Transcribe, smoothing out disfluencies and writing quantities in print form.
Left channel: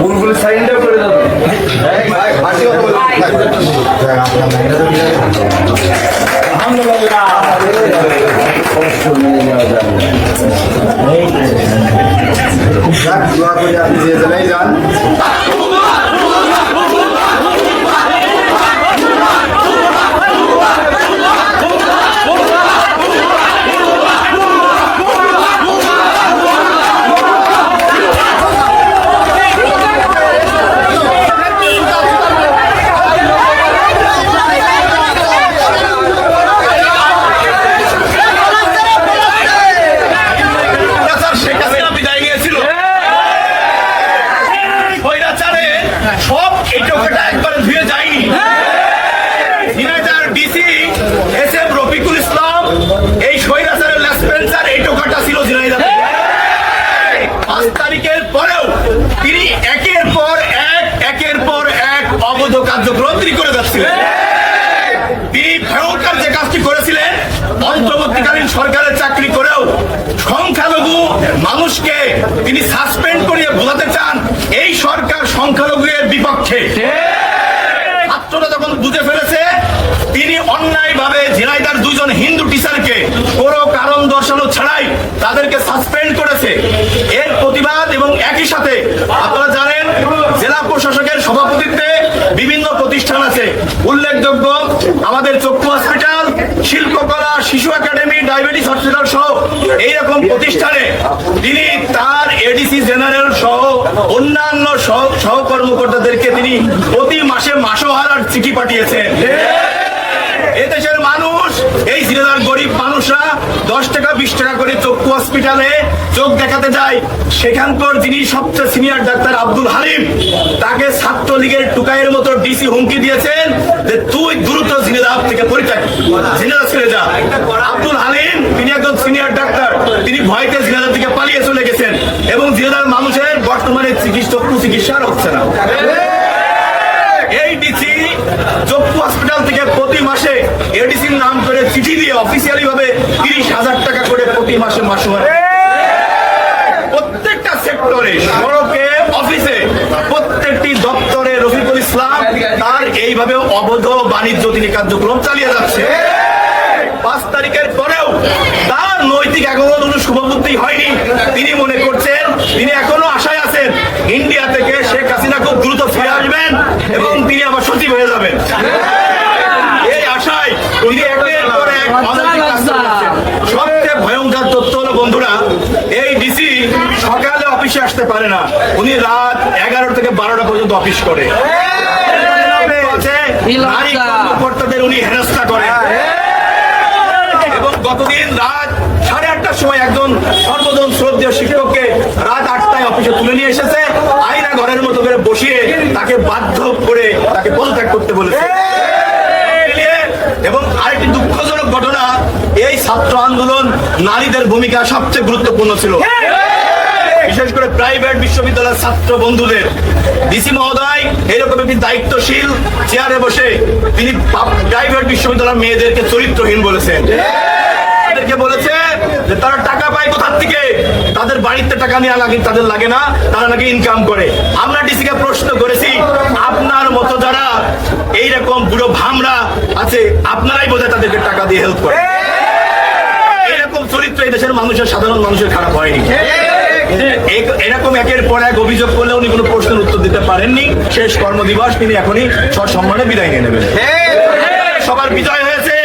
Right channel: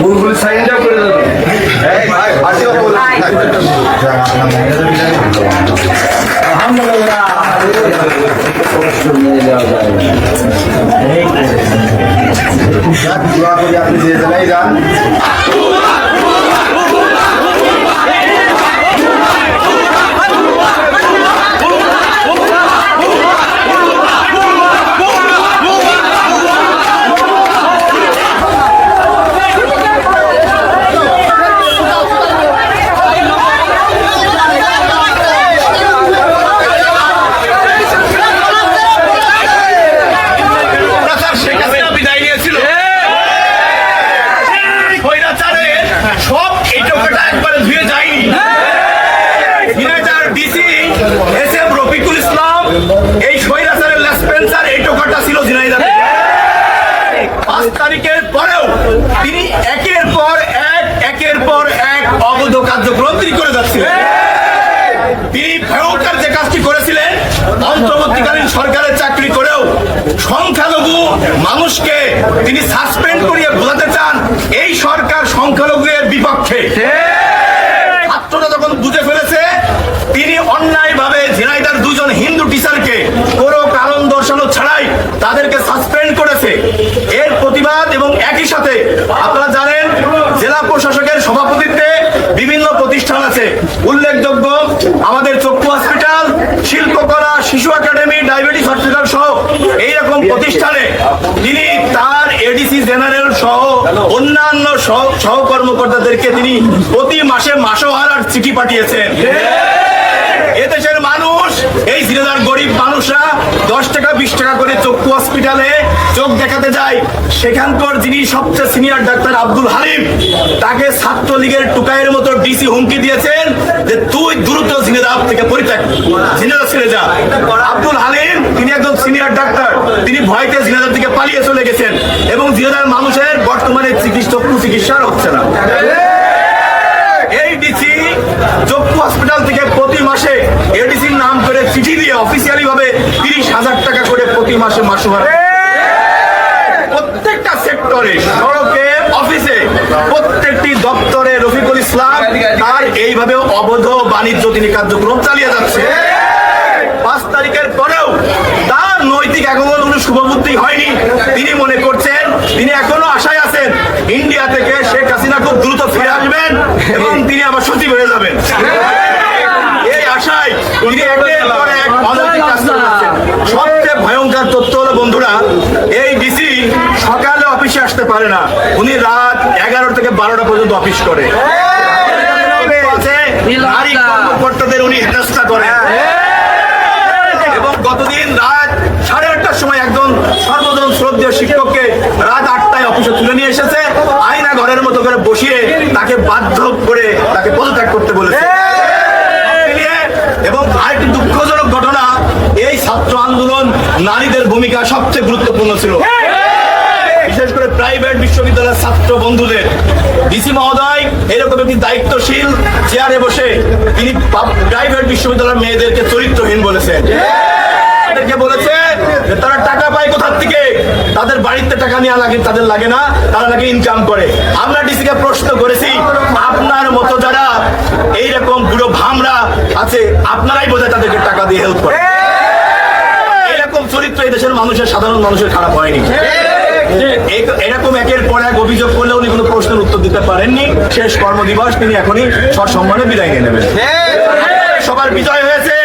বুলবুল সাইনটা করে দেবে। তারিখের পরেও তিনি একের পর এক অবৈধ কার্যক্রম তিনি করে যাচ্ছিলেন। তিনি ভয়ঙ্কর যে কাজটি করেছিলেন, অন্তর্বর্তীকালীন সরকারের চাকরি করেও সংখ্যালঘু মানুষকে তিনি সাসপেন্ড করিয়ে বোঝাতে চান এই সরকার সংখ্যালঘুদের বিপক্ষে। ছাত্ররা যখন বুঝে ফেলেছে তিনি অন্যায়ভাবে ঝিনাইদহের দুজন হিন্দু টিচারকে কোনো কারণ দর্শানো ছাড়াই তাদেরকে সাসপেন্ড করেছে, এর প্রতিবাদ এবং একই সাথে আপনারা জানেন জেলা প্রশাসকের সভাপতিত্বে বিভিন্ন প্রতিষ্ঠান আছে, উল্লেখযোগ্য আমাদের চক্ষু হসপিটাল, শিল্পকলা, শিশু একাডেমি, ডায়াবেটিস হসপিটাল সহ এইরকম প্রতিষ্ঠানে তিনি তার এডিসি জেনারেল সহ অন্যান্য সহকর্মকর্তাদেরকে তিনি প্রতি মাসে মাসোহারার চিঠি পাঠিয়েছেন। এদেশের মানুষ, এই ঝিনাইদহের গরিব মানুষরা 10 টাকা 20 টাকা করে চক্ষু হসপিটালে চোখ দেখাতে যায়। সেখানকার যিনি সবচেয়ে সিনিয়র ডাক্তার আব্দুল হালিম, তাকে ছাত্রলীগের টুকাইয়ের মতো ডিসি হুমকি দিয়েছেন যে তুই দ্রুত ঝিনাইদহ থেকে পরিত্যাগ, ঝিনাইদহ ছেড়ে যা। আব্দুল হালিম তিনি একজন সিনিয়র ডাক্তার, তিনি ভয়তে ঝিনাইদহ থেকে পালিয়ে চলে গেছেন এবং ঝিনাইদহের মানুষের বর্তমানে চক্ষু চিকিৎসা হচ্ছে না। এই ডিসি চক্ষু হসপিটাল থেকে প্রতি মাসে এডিসির নাম করে চিঠি দিয়ে অফিসিয়ালি ভাবে 30,000 টাকা করে প্রতি মাসে মাসোহারা। প্রত্যেকটা সেক্টরে, সড়কে, অফিসে, প্রত্যেকটি দপ্তরে রফিকুল ইসলাম তার এইভাবে অবৈধ বাণিজ্য তিনি কার্যক্রম চালিয়ে যাচ্ছে। 5 তারিখের পরেও তার নৈতিক এখনো কোনো শুভবুদ্ধি হয়নি। তিনি মনে করছেন, তিনি এখনো আশায় আছেন ইন্ডিয়া থেকে শেখ হাসিনা খুব দ্রুত ফিরে আসবেন এবং তিনি আবার সচিব হয়ে যাবেন। এই আশায় তিনি একের পর এক অনৈতিক কাজ করছেন। সবচেয়ে ভয়ঙ্কর তথ্য হলো বন্ধুরা, এই ডিসি সকালে অফিসে আসতে পারে না, উনি রাত 11 থেকে 12টা পর্যন্ত অফিস করে। নারী কর্মকর্তাদের উনি হেনস্থা করেন এবং গতদিন রাত 8:30টার সময় একজন সর্বজন শ্রদ্ধেয় শিক্ষককে রাত 8টায় অফিসে তুলে নিয়ে এসেছে, আয়না ঘরের মতো করে বসিয়ে তাকে বাধ্য করে তাকে পদত্যাগ করতে বলেছে। এবং আরেকটি দুঃখজনক ঘটনা, এই ছাত্র আন্দোলন নারীদের ভূমিকা সবচেয়ে গুরুত্বপূর্ণ ছিল, বিশেষ করে প্রাইভেট বিশ্ববিদ্যালয়ের ছাত্র বন্ধুদের। ডিসি মহোদয় এরকম একটি দায়িত্বশীল চেয়ারে বসে তিনি প্রাইভেট বিশ্ববিদ্যালয়ের মেয়েদেরকে চরিত্রহীন বলেছেন। তাদেরকে বলেছে যে তারা টাকা পায় কোথার থেকে, তাদের বাড়িতে টাকা নেওয়া লাগে, তাদের লাগে না, তারা নাকি ইনকাম করে। আমরা ডিসিকে প্রশ্ন করেছি, আপনার মতো যারা এইরকম বুড়ো ভামরা আছে আপনারাই বোধহয় তাদেরকে টাকা দিয়ে হেল্প করে। এরকম চরিত্র এই দেশের মানুষের, সাধারণ মানুষের খারাপ হয়নি। এরকম একের পর এক অভিযোগ করলে উনি কোনো প্রশ্নের উত্তর দিতে পারেননি। শেষ কর্মদিবস তিনি এখনই সসম্মানে বিদায় নিয়ে নেবেন। সবার বিজয় হয়েছে।